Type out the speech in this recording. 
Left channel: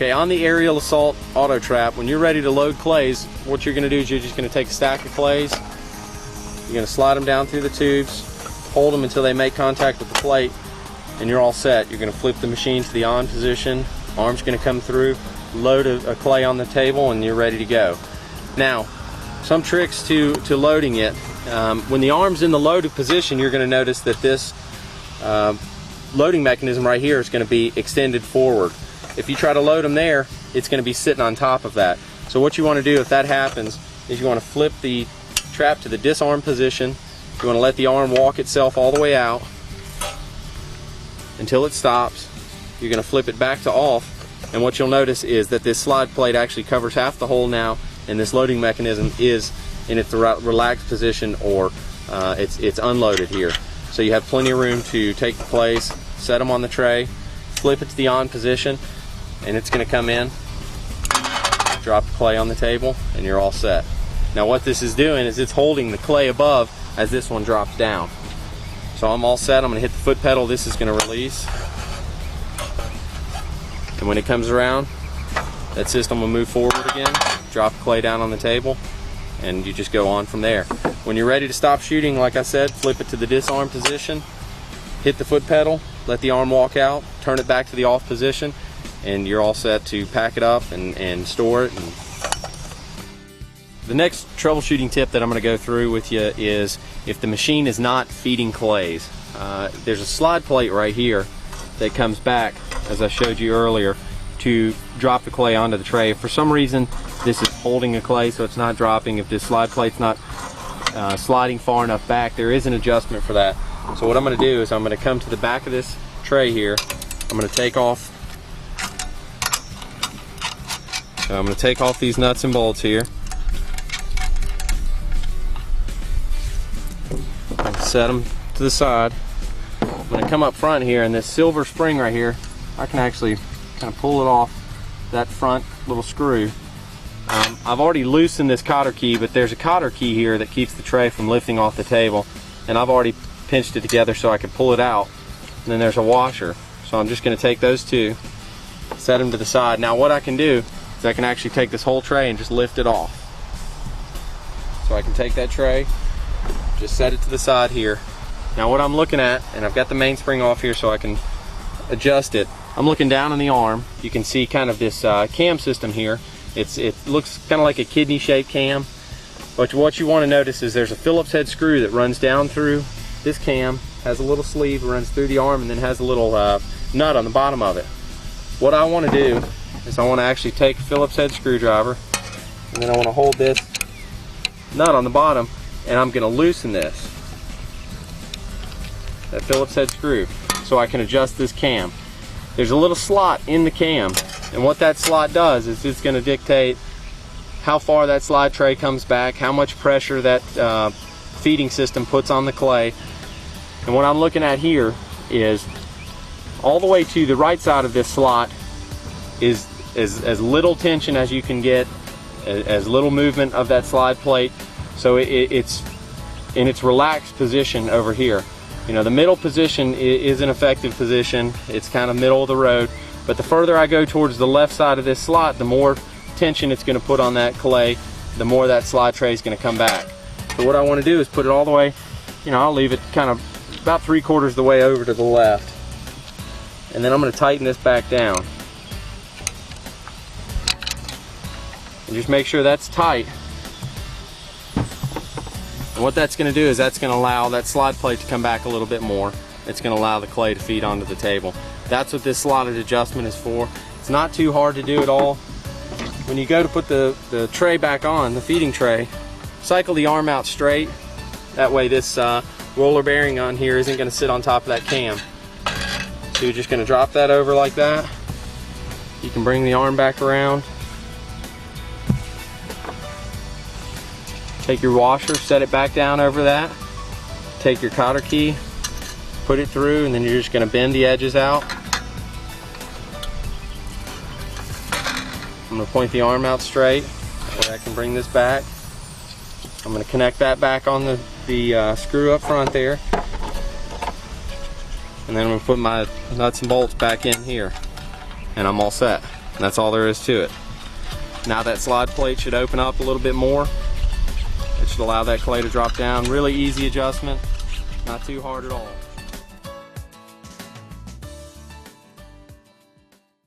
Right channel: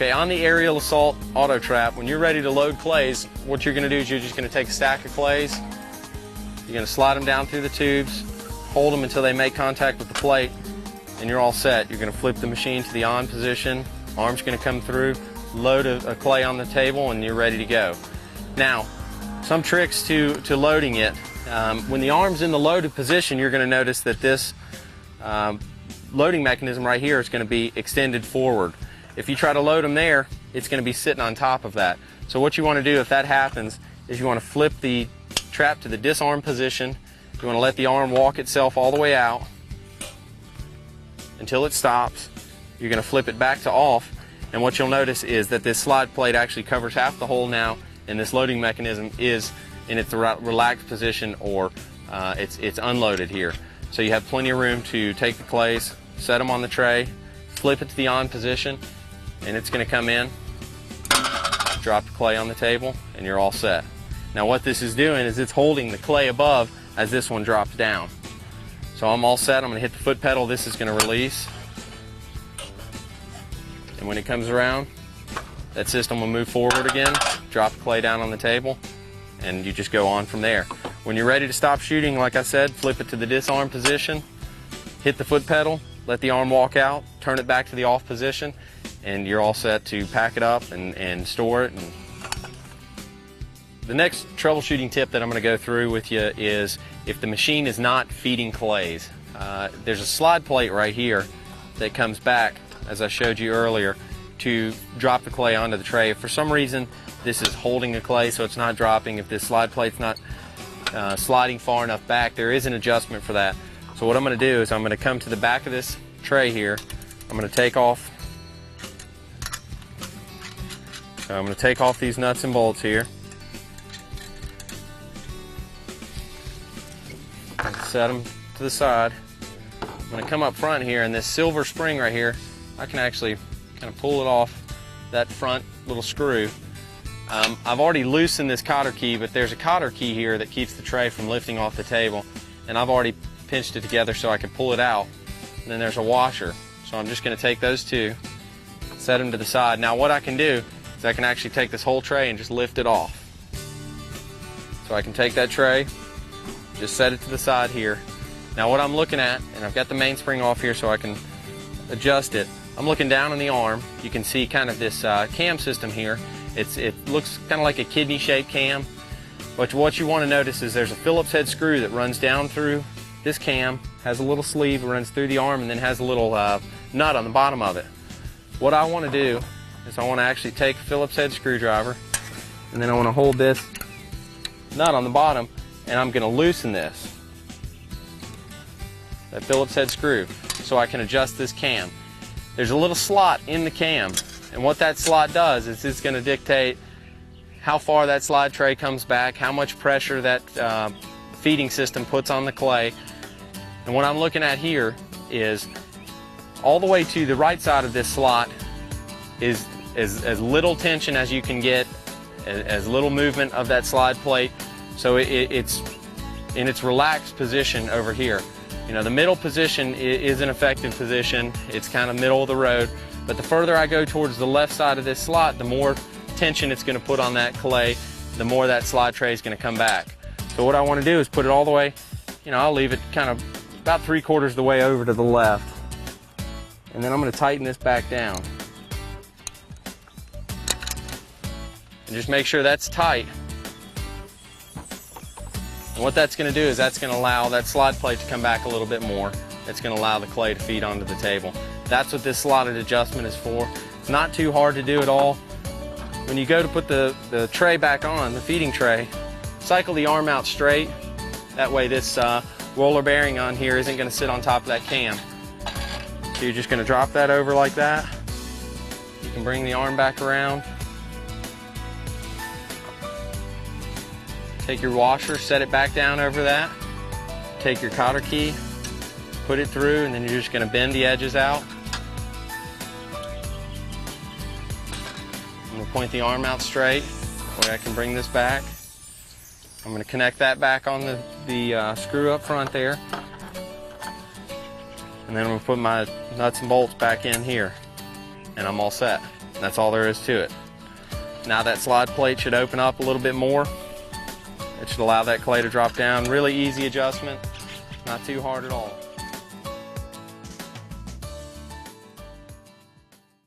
Okay, on the Aerial Assault Auto Trap, when you're ready to load clays, what you're going to do is you're just going to take a stack of clays, you're going to slide them down through the tubes, hold them until they make contact with the plate, and you're all set. You're going to flip the machine to the on position, arm's going to come through, load a clay on the table, and you're ready to go. Now, some tricks to loading it. When the arm's in the loaded position, you're going to notice that this loading mechanism right here is going to be extended forward. If you try to load them there, it's going to be sitting on top of that. So what you want to do if that happens is you want to flip the trap to the disarm position. You want to let the arm walk itself all the way out until it stops. You're going to flip it back to off, and what you'll notice is that this slide plate actually covers half the hole now, and this loading mechanism is in its relaxed position, or it's unloaded here. So you have plenty of room to take the clays, set them on the tray, flip it to the on position, and it's going to come in, drop the clay on the table, and you're all set. Now what this is doing is it's holding the clay above as this one drops down. So I'm all set. I'm going to hit the foot pedal. This is going to release, and when it comes around, that system will move forward again, drop the clay down on the table, and you just go on from there. When you're ready to stop shooting, like I said, flip it to the disarm position, hit the foot pedal, let the arm walk out, turn it back to the off position, and you're all set to pack it up and store it. The next troubleshooting tip that I'm going to go through with you is if the machine is not feeding clays. There's a slide plate right here that comes back, as I showed you earlier, to drop the clay onto the tray. If for some reason this is holding the clay so it's not dropping, if this slide plate's not sliding far enough back, there is an adjustment for that. So what I'm going to do is I'm going to come to the back of this tray here. I'm going to take off these nuts and bolts here. I can set them to the side. I'm going to come up front here, and this silver spring right here, I can actually kind of pull it off that front little screw. I've already loosened this cotter key, but there's a cotter key here that keeps the tray from lifting off the table, and I've already pinched it together so I can pull it out. And then there's a washer, so I'm just going to take those two, set them to the side. Now what I can do is I can actually take this whole tray and just lift it off. So I can take that tray, just set it to the side here. Now what I'm looking at, and I've got the mainspring off here so I can adjust it, I'm looking down on the arm. You can see kind of this cam system here. It looks kind of like a kidney-shaped cam. But what you want to notice is there's a Phillips head screw that runs down through this cam, has a little sleeve, runs through the arm, and then has a little nut on the bottom of it. What I want to do is I want to actually take a Phillips head screwdriver, and then I want to hold this nut on the bottom, and I'm going to loosen this, that Phillips head screw, so I can adjust this cam. There's a little slot in the cam, and what that slot does is it's going to dictate how far that slide tray comes back, how much pressure that feeding system puts on the clay. And what I'm looking at here is all the way to the right side of this slot is as little tension as you can get, as little movement of that slide plate. So it's in its relaxed position over here. You know, the middle position is an effective position. It's kind of middle of the road. But the further I go towards the left side of this slot, the more tension it's going to put on that clay, the more that slide tray is going to come back. So what I want to do is put it all the way, you know, I'll leave it kind of about 3/4 of the way over to the left. And then I'm going to tighten this back down. And just make sure that's tight. And what that's going to do is that's going to allow that slide plate to come back a little bit more. It's going to allow the clay to feed onto the table. That's what this slotted adjustment is for. It's not too hard to do at all. When you go to put the tray back on, the feeding tray, cycle the arm out straight. That way this roller bearing on here isn't going to sit on top of that cam. So you're just going to drop that over like that. You can bring the arm back around. Take your washer, set it back down over that. Take your cotter key, put it through, and then you're just going to bend the edges out. I'm going to point the arm out straight so I can bring this back. I'm going to connect that back on the screw up front there. And then I'm going to put my nuts and bolts back in here. And I'm all set. And that's all there is to it. Now that slide plate should open up a little bit more. It should allow that clay to drop down. Really easy adjustment, not too hard at all.